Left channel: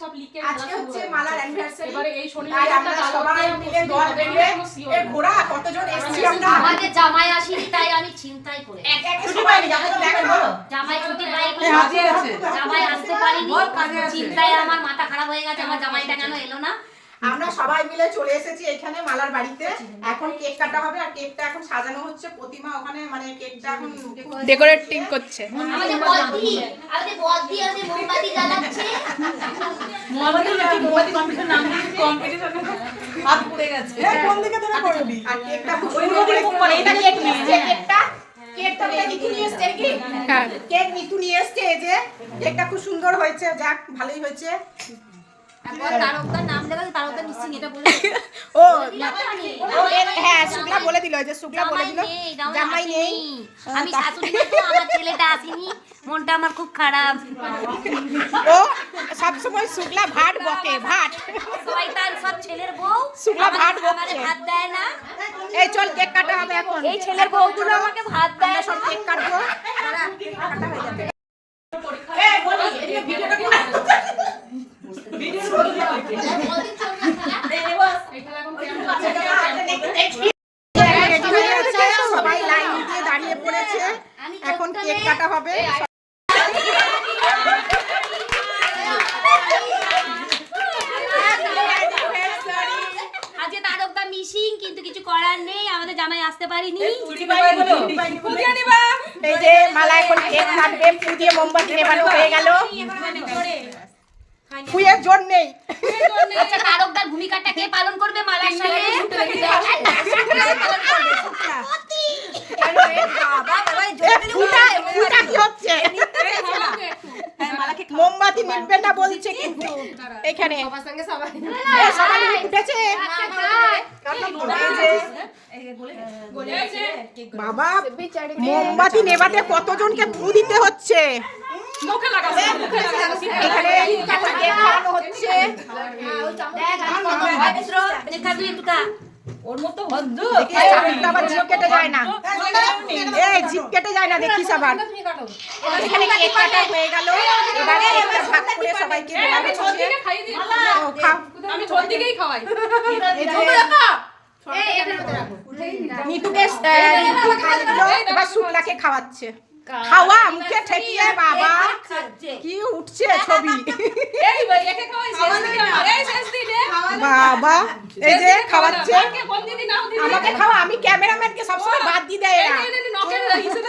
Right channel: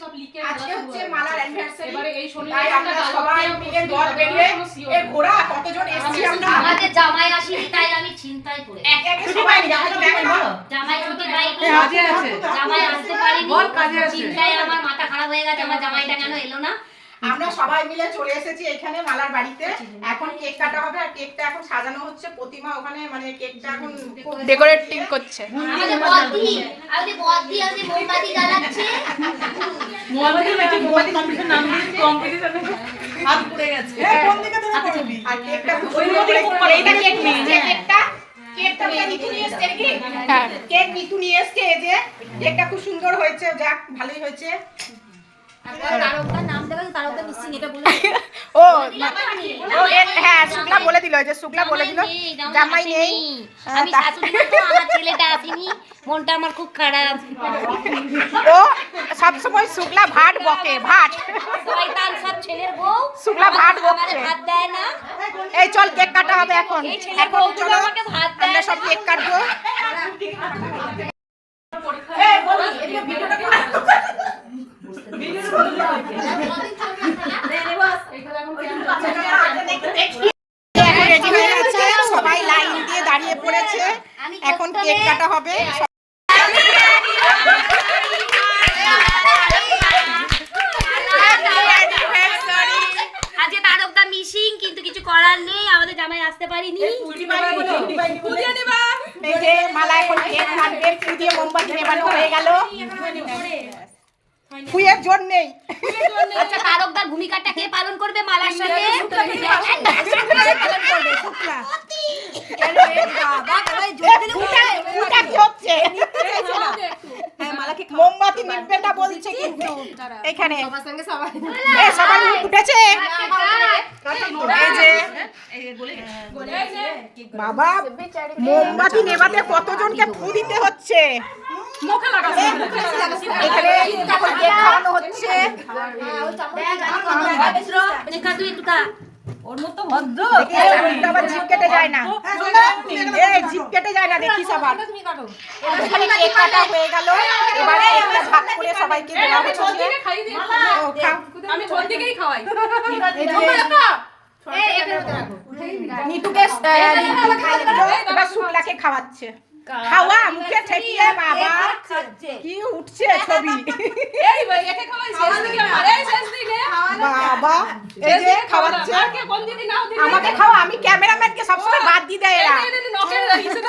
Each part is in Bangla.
সব লিখে আজকে হচ্ছে মালার অ্যানিভার্সারি, এবারে এই শনিবার আমরা সবাই মিলে দল বেরিয়ে এই ঘোড়া কতজন এসেছি আমরা। আমাদের জামাই আসেনি তাই আমি চিন্তায় পড়ে ছুটি পাইনি, জামাই তো ব্যাগে বলো জামাই ছুটি পাইনি, কাজে আছে, জামাই আসতে পারিনি, বল কাজে আছে। চিন্তায় আমার মাথা খারাপ হয়ে গেছে, আমার জামাইটা কেন এলো না। আমরা সবাই মিলে চলে এসেছি এখানে মালার বাড়িতে। এখন কেক কাটা হবে আর কেকটা এখন সাজানো হচ্ছে। প্রতিমা ওখানে মানে কেকটা এখন ডেকোরেটিং করছে। আমাদের বদ্দি আছে মোমবাতি জ্বালাচ্ছে। মোমবাতি কম্পিটিশন নাম দিয়ে কম্পিটিশনে হাত পুড়ে গেছে। আর কেকটা ওই মধ্যে করে এটা কেক নিয়ে কেকটা নিতু নিয়ে এসছে কি? কেক নিতু নিয়ে এসছে। এই যে কেকটা খুব সুন্দর হয়েছে, যাক ভালোই হয়েছে। তারকদার নাম দেবে, তারকদার নিশ্চয়ই এটা বলে ও হ্যাঁ, শুক্লা বলে দিল, যে শুক্লা বলে দিল জামাই নেই। আমি শাশুড়ি না তো, আমার ছেলেটা আসেনি, মনটা আমার খুব খারাপ। ও সবসময় শুক্লা ভাট বকে, ভাট শয়তান সব ছেলের বউ, শুক্লা ভাট বকছে। ভাত দেয় না। এই চল কেক কাটা হবে এখন। এই ছেলের বউগুলো আমাকে ভাত দেয় আমরা সব না। কেক কাটবো। এখন রেডি হয়ে গেছে, সবাই লাইন দিয়ে দাঁড়িয়ে পড়েছে, এখন কেক কাটা হবে। আজকে তারকদা মিসিং, কিন্তু কিছু করার নেই, আমাদের জামাই আসতে পারিনি। এই যে মালা এখন কেক কাটবে, ফুল দিয়ে মোমবাতি নেভানো হয়ে গেল। ফুয়ের জোর নেই। আচ্ছা, তারকদার ভূমিকাটা কে পালন করবে মালার সাথে? ফুটা কি হচ্ছে? মোমবাতি নিভবে না বলছে, কিন্তু এখানে সবাই উঠেছে। বাবা, মোমবাতি নেভাতে কতজনকে ফু দিতে হচ্ছে। এখানে এখন কেক খাওয়ানো হচ্ছে। আবার জিভ কেটে যায় না, এই জিভ কেটে যায় না, দেখিস আবার। এখানে কেক কাটা হয়ে গেল, এবার কেকটা ভাগ করে সবাইকে দেওয়া হচ্ছে। ও খাও, আমি ছোট থেকেই খাওয়াই। এই যে নিতুকে এবার শুক্লাকে খাওয়াচ্ছে। খাওয়া মুখে ঠেকিয়ে, বাবা কি উঠছে ছবি। এই ভাই একে খাওয়াই শেষ দিন, এই শেষ দিনে বাবা এই যে খাওয়াচ্ছে। কে কোন দিন নাও দিন আমাকে খাওয়া, আমি ক্যামেরাম্যানকে সবসময় বাদ দিয়ে দেয় এরা। নকের ইসে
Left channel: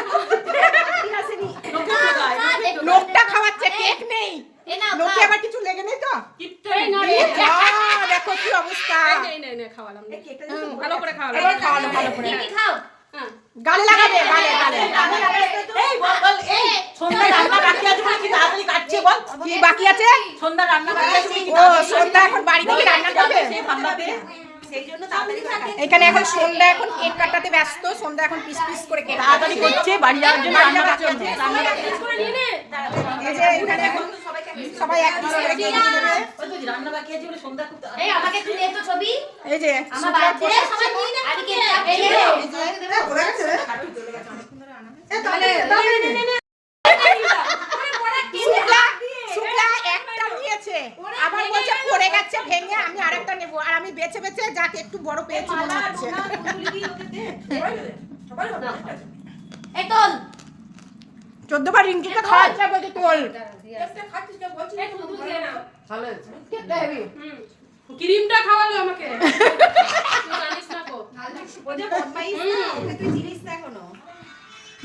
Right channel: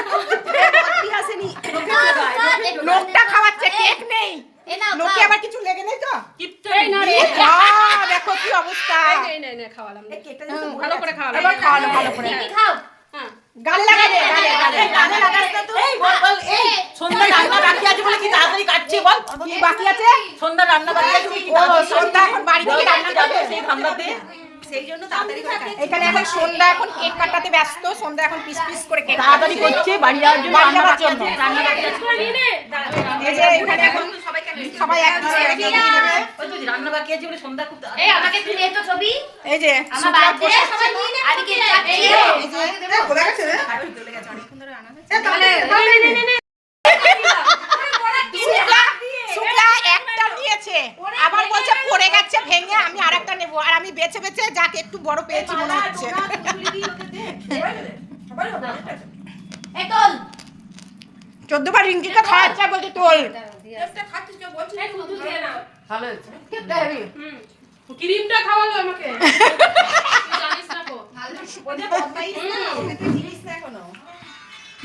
লোকটা খাওয়াচ্ছে, কেক নেই। লোকে আবার কিছু লেগে নেই তো? দেখো কি অবস্থা। নে খাওয়ালাম, ভালো করে খাওয়ালাম। এবার খাওয়ানো ভালো করে, খাও। গালে লাগাবে, গালে গালে। এই বল এই সন্ধ্যা রান্না বাকি আছে বলে কি তাড়াতাড়ি কাটছে বল। কি বাকি আছে? সন্ধ্যা রান্না বাকি আছে তুমি কি ও সন্ধ্যা এখন বাড়ি থেকে রান্না করবে সেই ভাবনাতে এখানে এখন সন্ধ্যা এখন কেক কাটাতে ব্যস্ত। সন্ধ্যা এখন পিস পিস করে কেক তাড়াতাড়ি করছে বাড়ি যাওয়ার জন্য, রান্না করার জন্য। রান্না বাকি আছে। এই যে এখানে এখন সবাই এক পিস করে কেক নিয়ে নেবে। ওই তো রান্না বাকি আছে বলে সন্ধ্যা খুব এই আমাকে তুই দে তো ছবি। এই যে আমার বাড়িতে সবাই নিয়ে নে। আমি কে যাচ্ছি। শুক্লা একটা নিয়েছে, আবার বলছে পড়ে গেছে ভেঙে, আমি আরেকটা নেব। আর আমি বেছে বেছে যাকে একটু বড় পেয়েছি মনে হচ্ছে। এই তোল। 14 বার রিঙ্কিকে খাওয়াচ্ছে, বলছে তোল। ভালো হয়েছে। ক্রিমটা খাওয়ালো আমাকে। জানিস না কো।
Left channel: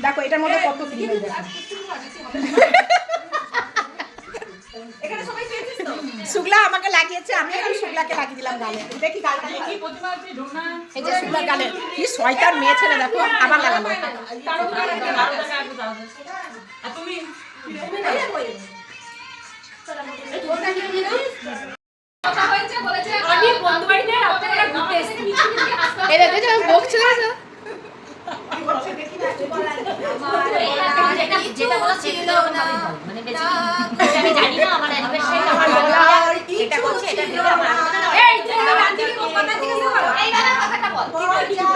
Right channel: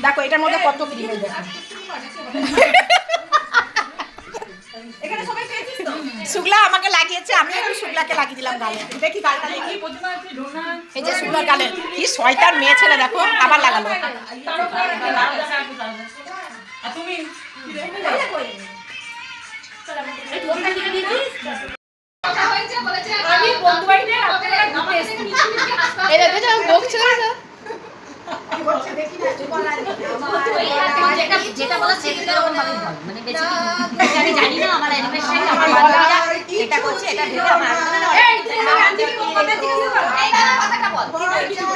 দেখো এটার মধ্যে কত ক্রিম, দেখো। শুক্লা আমাকে লাগিয়েছে, আমি একটু শুক্লাকে লাগিয়ে দিলাম গালে। দেখি গালটা দেখি। এই যে শুক্লার গালে কি শয়তান মেয়ে ছেলে, দেখো আবার লাগালো। আর তুমি কথা হয়েছে বলেছে আমি বন্ধু বাড়িতে রাত্রিবেলা ঘুরতে এসেছি। এই দেখো যে আমি বকছিল তো। যেটা বলা সেটা মানে বেশি আমি জানি না। আমার অ্যানিভার্সারি আমার বান্ধবীরা এটা করছে, এটা ভেবে আমার এই কথাটা বল।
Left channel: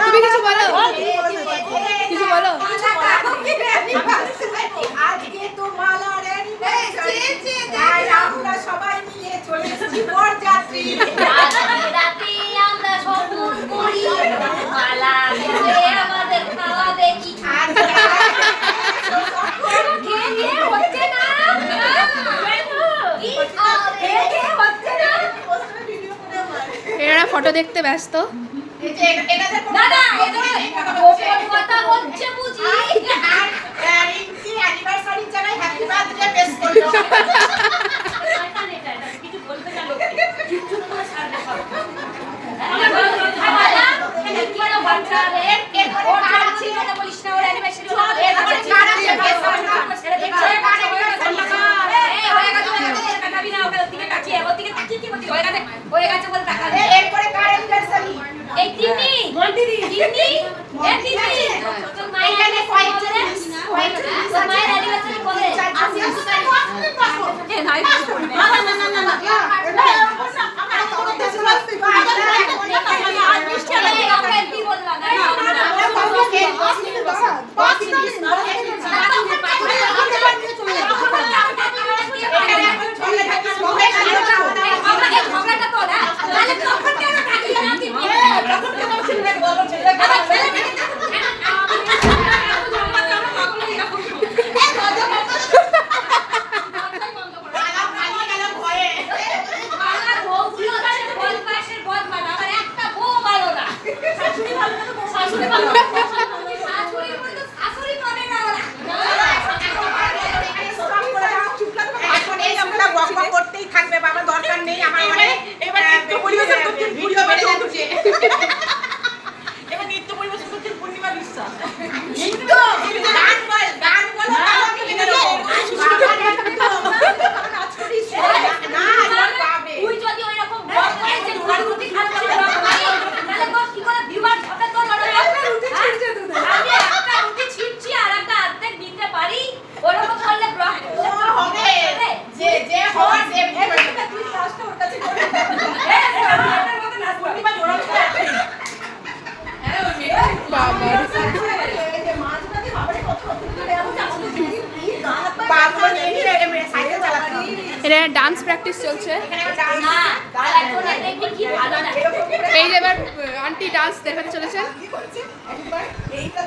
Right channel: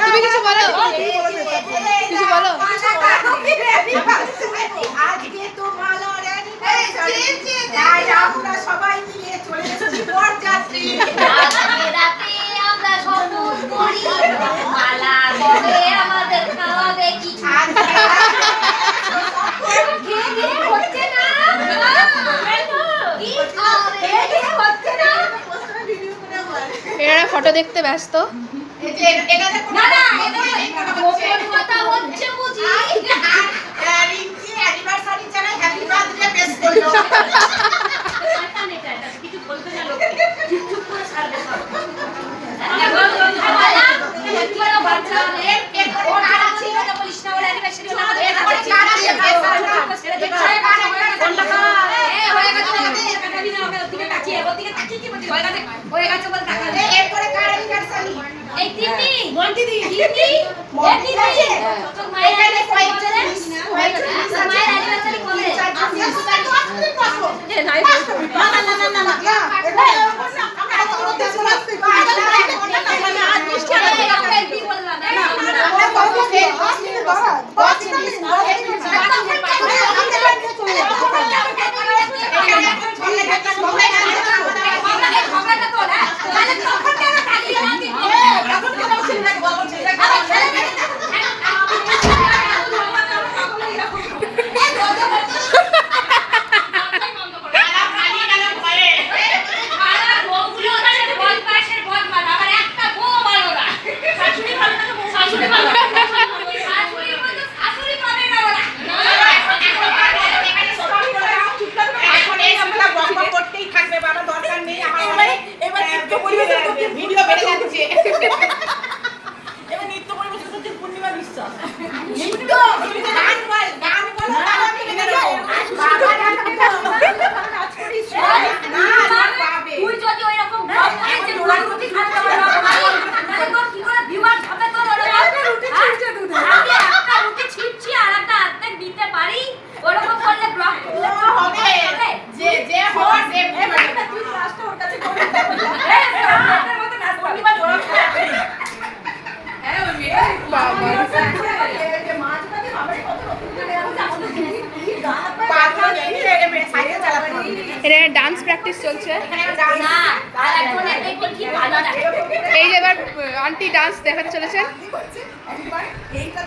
তুমি কিছু বলো, কিছু বলো। আজকে তো মালার অ্যানিভার্সারি, তাই আমরা সবাই মিলে চলে রাতে রাতে আমরা স্বপ্ন করি মালা করে আমাদের খাওয়াবে কি হচ্ছে না এরা ফটো দেখতে ব্যস্ত। না না গোপন কথা হচ্ছে বুঝি অ্যানিভার্সারির জায়গায় হ্যাপি বার্থডে পেশ করলো। কিছু বলতে না লোকে চুপ করে ছাড়বে সব এরপরে কার অ্যানিভার্সারি? এই তিন্নি মন্টি দি তিন্নি এই তিন্নি তোর মায়ের অ্যানিভার্সারি মায়ের অ্যানিভার্সারি কবে? করতেই থাকবে বাবা, দরকার নেই আমার অনেক। এবার নৃত্য পরিবেশন করতে ভিডিও বেড়ে যাচ্ছে। এবার নৃত্য পরিবেশন করতে পূর্ণিমা বিশ্বাস। নৃত্য গান বল, গান বল। নাচ করিস না, পাবে। তুই যদি ওই রকম বল করে যে রুটি খাবে তোমার কি করে ভিউয়ার হবে তোর রুটি ছিঁড়ছে তুই আমি একটা রুটি ছিঁড়ছি আর একটা অর্ধেক দিতে পারি ওরকম করলে ব্লক হবে যে যে হয় সে তুই লাস্টে ওর কাছে করে দেবো। এর মত নাচ পূর্ণিমা জোড়া আছে। আরে ওই মেয়েটা বাবা এই মাছটাকে বাবারে কত রকম করে আমাদের পাগল নেই রে মেয়ে সাইকেল চালাতে। এটা ডান্স প্র্যাকটিস চলছে। না আর এখন এটা কি ভালো লাগে এই যে এবার আন্টি ডান্স দেখাতে চলেছেন। এইটা